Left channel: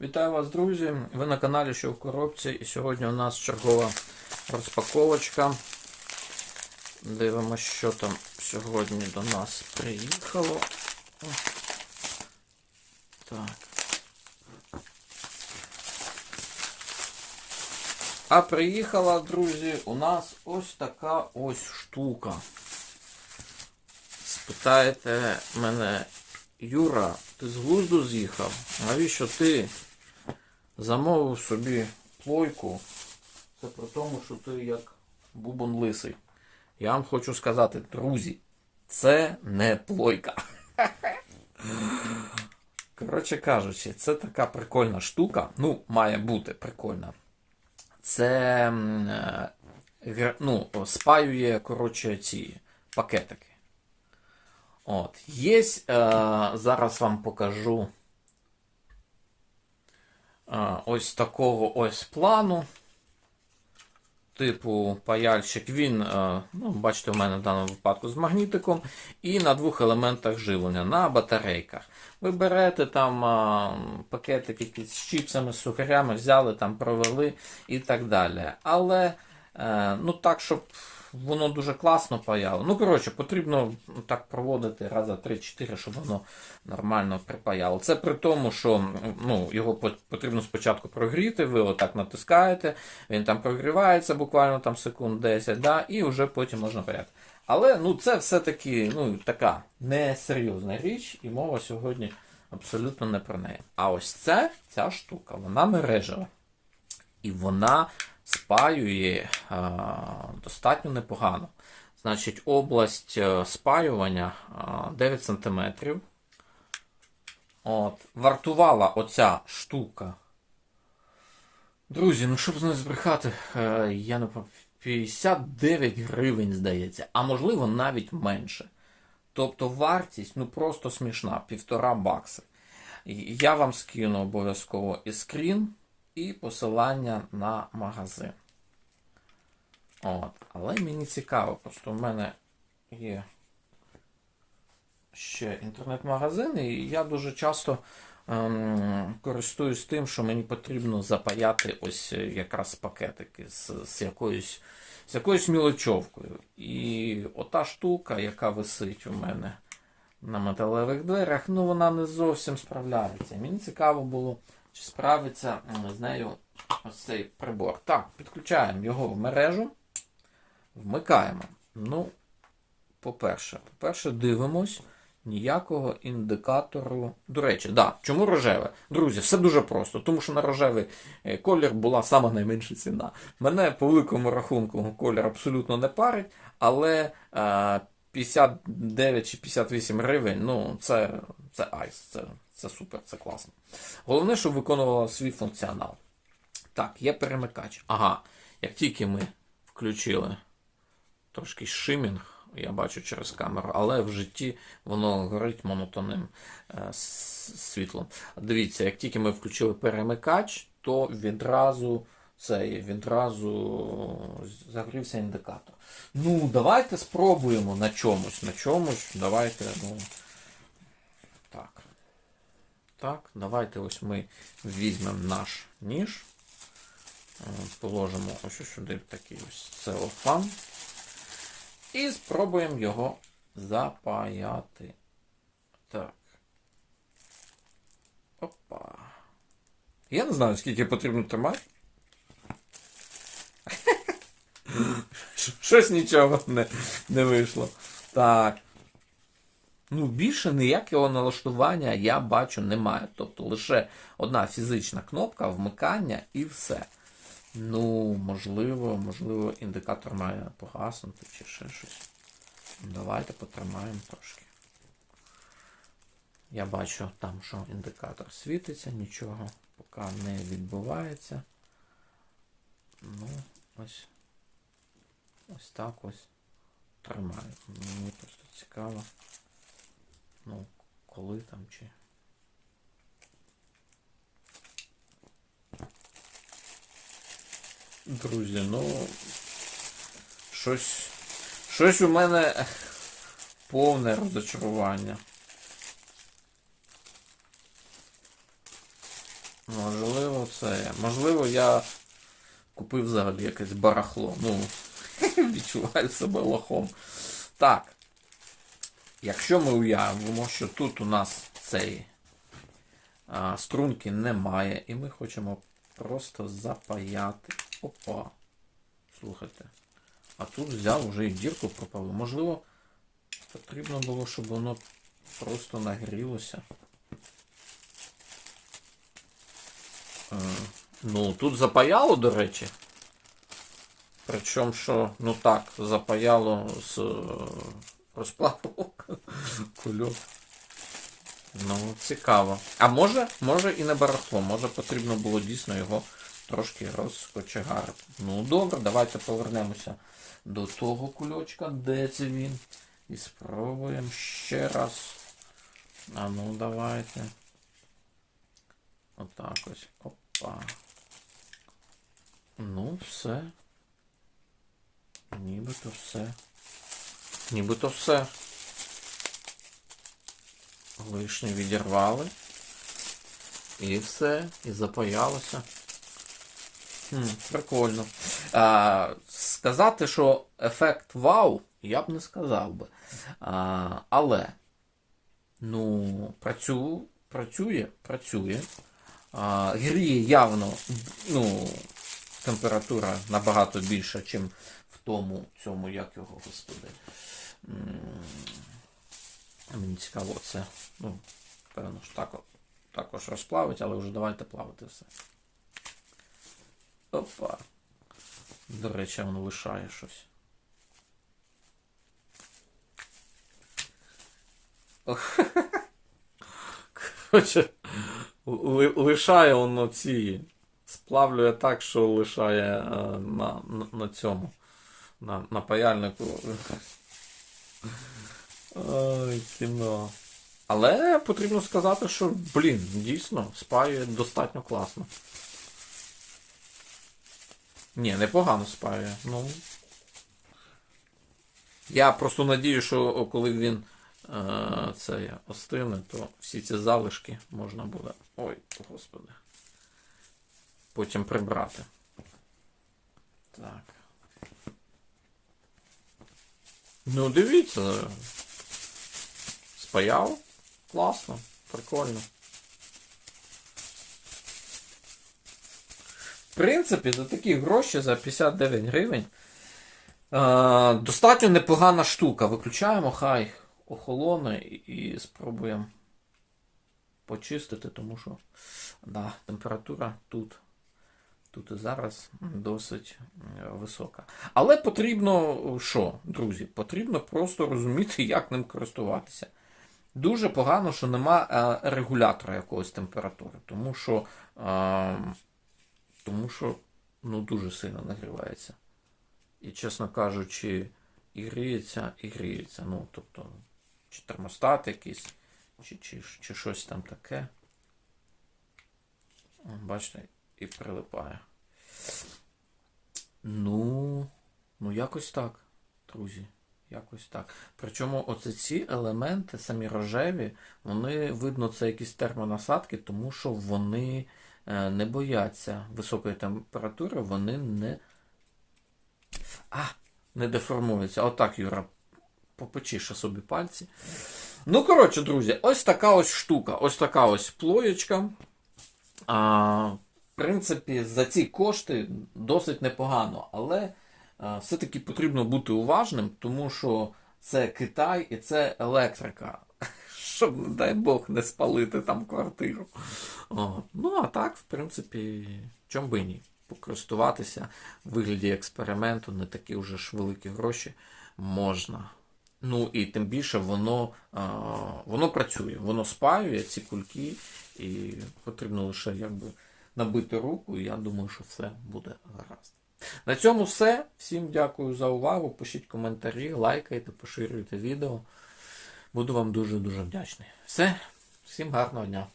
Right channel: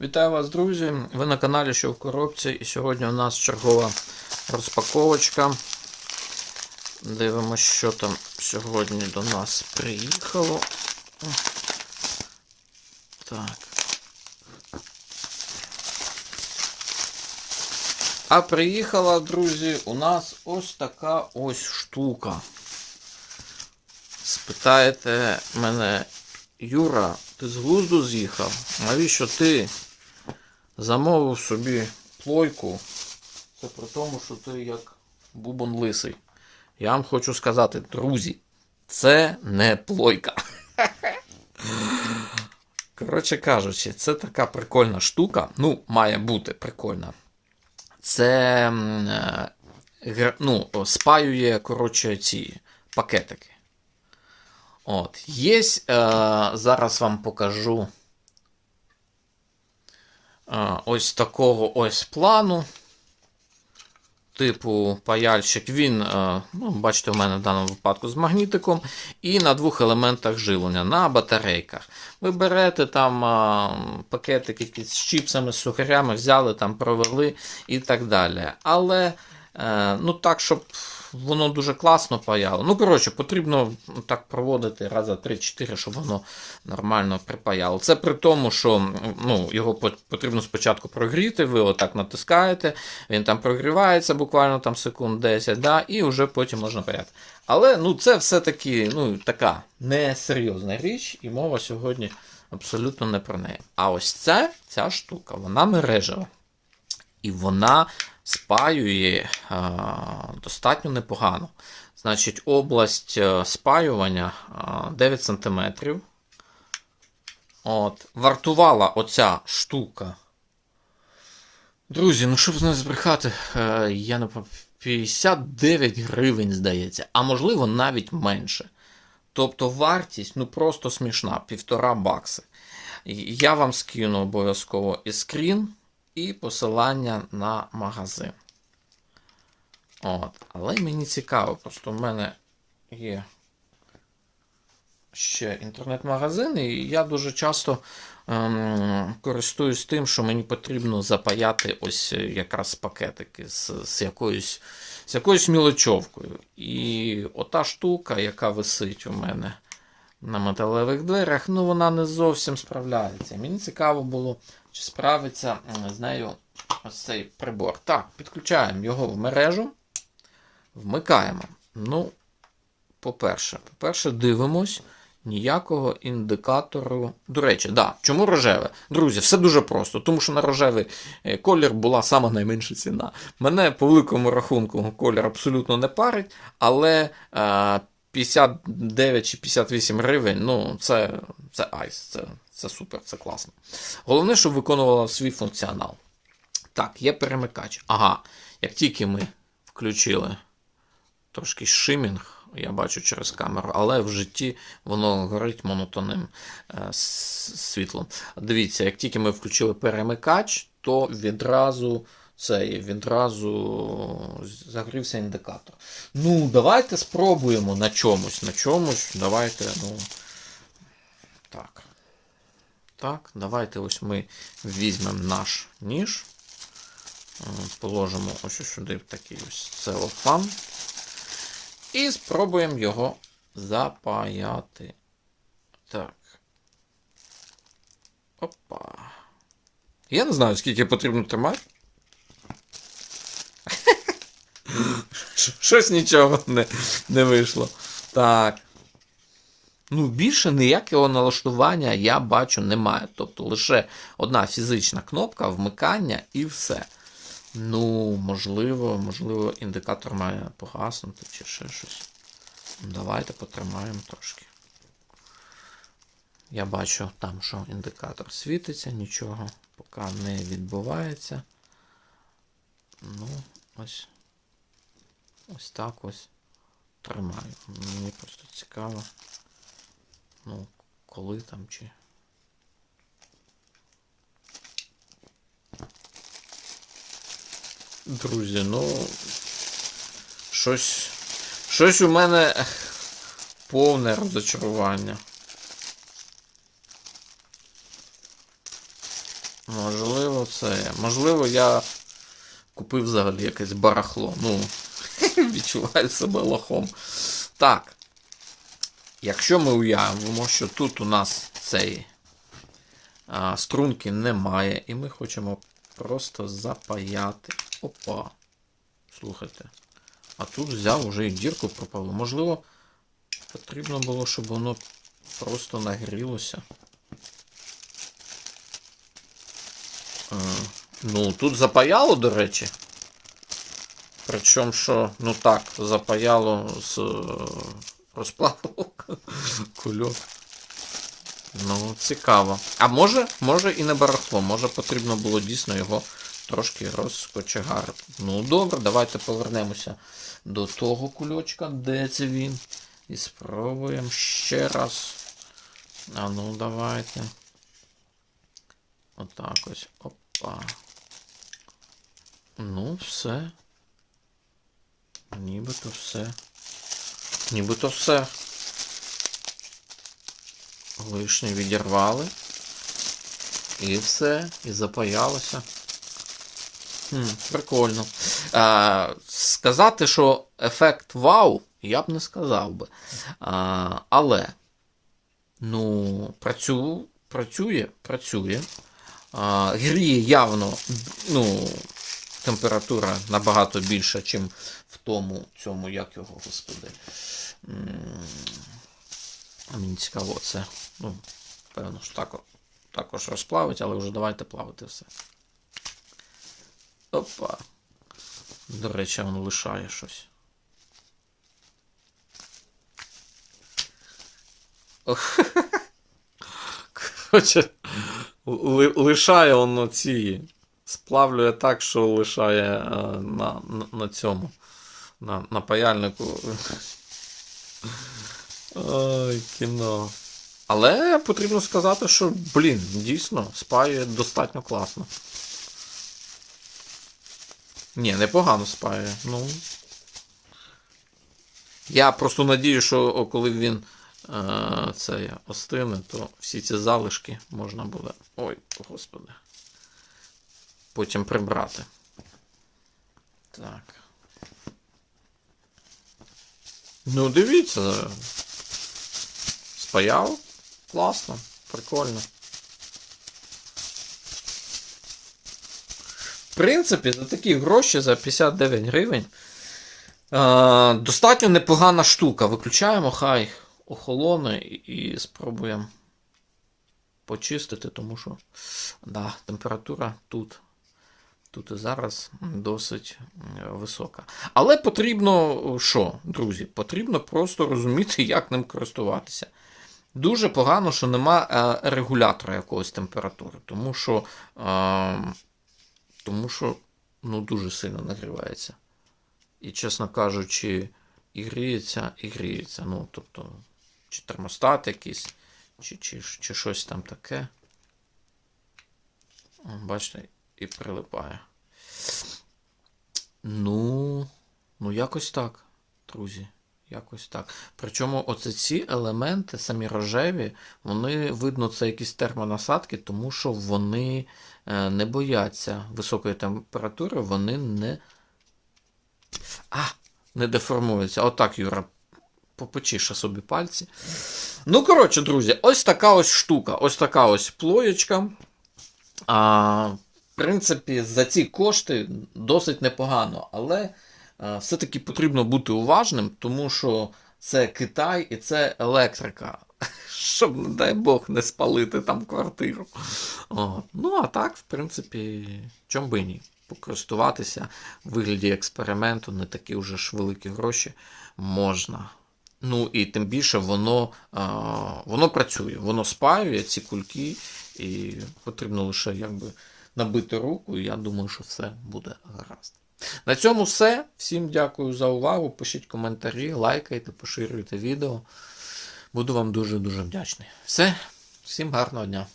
Вітаю вас, друзі! Ви на каналі Що в коробці, і сьогодні у нас чергова розпаковочка. Дивимося, що там сьогодні до нас приїхало. Так. А приїхала, друзі, у нас ось така ось штука. Спитаєте мене, Юра, ти з глузду з'їхав? Навіщо ти замовив собі плойку? Це при тому, що ти як бубон лисий. Я вам хочу сказати, друзі, це не плойка. Коротше кажучи, це така прикольна штука. Ну, має бути прикольна. Це е, ну, спаює, коротше, ці пакетики. От, є, е, зараз вам покажу ось такого ось плану. Типу паяльщик, він, е, ну, бачите, у мене в даному випадку з магнітиком, і на двох елементах живлення, на батарейках. Ви берете там е, пакетик якийсь з чіпсами, з сухарями, взяли, там провели і так далі. Але е, ну так, щоб воно дуже класно паяло. Ну, коротше, потрібно так проводити раза 3-4, щоб воно нормально припаяло. Це при тому, що ну, його потрібно спочатку прогріти, ви отак натискаєте, він там прогрівається буквально там секунд 10, да, і вже потім можна паяти. Але ну, це все-таки ну, така несерйозна річ, і мова сьогодні абсолютно не про неї. А ось ця, ця штука, вона мережева. І вона спаює е, достатньо непогано. Значить, область е, спаювання е, 9 см. От, вартувала оця штука. Друзі, ну щоб не збрехати, е, я не 59 гривень, здається, а можливо навіть менше. Тобто вартість ну просто смішна, півтора бакси. Я вам скину обов'язково і скрін, і посилання на магазин. От. Але мені цікаво, просто в мене є ще інтернет-магазин, і я дуже часто ем, користуюсь тим, що мені потрібно запаяти ось е, якраз пакетики з, з якоюсь з якоюсь мілочовкою. І ота штука, яка висить у мене на металевих дверях, ну вона не зовсім справляється. Мені цікаво було, чи справиться з нею ось цей прибор. Так, підключаємо його в мережу, вмикаємо. Ну, по-перше, по-перше, дивимось. Ніякого індикатору. До речі, да, чому рожеве? Друзі, все дуже просто, тому що на рожевий е, колір була сама найменша ціна. Мене по великому рахунку колір абсолютно не парить, але е, 59 чи 58 гривень, ну, це, це айс, це, це супер, це класно. Головне, щоб виконувала свій функціонал. Так, є перемикач. Ага, як тільки ми включили трошки шимінг, я бачу через камеру, але в житті воно горить монотонним е, світлом. Дивіться, як тільки ми включили перемикач, то відразу цей, відразу загрівся індикатор. Ну, давайте спробуємо на чомусь. На чомусь. Давайте, ну. Так. Так, давайте ось ми візьмемо наш ніж. Е, Положимо ось сюди такий ось целофан. І спробуємо його запаяти. Так. Опа. Я не знаю, скільки потрібно тримати. Щось нічого не, не вийшло. Так. Ну, більше ніякого налаштування я бачу немає. Тобто лише одна фізична кнопка вмикання і все. Ну, можливо, можливо, індикатор має погаснути чи ще щось. Давайте потримаємо трошки. Я бачу там, що індикатор світиться, нічого поки не відбувається. Ну, ось. Ось так ось тримаю. Мені просто цікаво. Ну, коли там чи. Друзі, ну. Щось. Щось у мене повне розочарування. Можливо, це. Можливо, я купив взагалі якесь барахло. Ну, відчуваю себе лохом. Так. Якщо ми уявимо, що тут у нас цей а, струнки немає, і ми хочемо просто запаяти. Опа. Слухайте. А тут взяв вже і дірку пропалив. Можливо, потрібно було, щоб воно просто нагрілося. Ну, тут запаяло, до речі. Причому, що, ну так, запаяло з е, розплаву кульок. Ну, цікаво. А може, може і не барахло, може потрібно було дійсно його трошки розкочегарити. Ну, добре, давайте повернемося до того кульочка, де це він. І спробуємо ще раз. А ну, давайте. Отак ось. Опа. Ну, все. Нібито все. Нібито все. Лишнє відірвали. І все. І запаялося. Хм, прикольно. А, сказати, що ефект вау, я б не сказав би. А, але, ну, працю, працює, працює. А, гріє явно, ну, температура набагато більша, ніж в тому цьому, як його, господи. Мені цікаво це. Ну, певно, що так, також розплавить, але вже давайте плавити все. Опа. До речі, він лишає щось. Коротше, лишає воно ці. Сплавлює так, що лишає е, на, на, на цьому. На, на паяльнику. Ой, кіно. Але потрібно сказати, що, блін, дійсно, спаює достатньо класно. Ні, непогано спаює. Ну. Я просто надію, що коли він е, це остине, то всі ці залишки можна буде. Ой, господи. Потім прибрати. Так. Ну, дивіться. Спаяв. Класно, прикольно. Принципі, за такі гроші, за 59 гривень. Е, достатньо непогана штука. Виключаємо, хай охолоне і, спробуємо почистити, тому що да, температура тут. Тут і зараз досить висока. Але потрібно що, друзі? Потрібно просто розуміти, як ним користуватися. Дуже погано, що нема е, регулятора якогось температури, тому що, е, тому що ну, дуже сильно нагрівається. І, чесно кажучи, і гріється, і гріється. Ну, тобто, чи термостат якийсь, чи, чи, чи щось там таке. Бачите, і прилипає. Ну, ну, якось так, друзі. Якось так. Причому оце ці елементи, самі рожеві, вони, видно, це якісь термонасадки, тому що вони е, не бояться високої температури, вони не. А, не деформуються. Отак, Юра, попечіше собі пальці. Ну, коротше, друзі, ось така ось штука. Ось така ось плоєчка. А, в принципі, за ці кошти досить непогано, але все-таки потрібно бути уважним, тому що це Китай і це електрика. Щоб, не дай Бог, не спалити там квартиру. О, ну, а так, в принципі, чом би ні. Покористуватися в вигляді експерименту, не такі вже ж великі гроші можна. Ну і тим більше воно, а, воно працює, воно спаює ці кульки, і потрібно лише якби набити руку, і я думаю, що все буде гаразд. На цьому все. Всім дякую за увагу. Пишіть коментарі, лайкайте, поширюйте відео. Буду вам дуже-дуже вдячний. Все, всім гарного дня.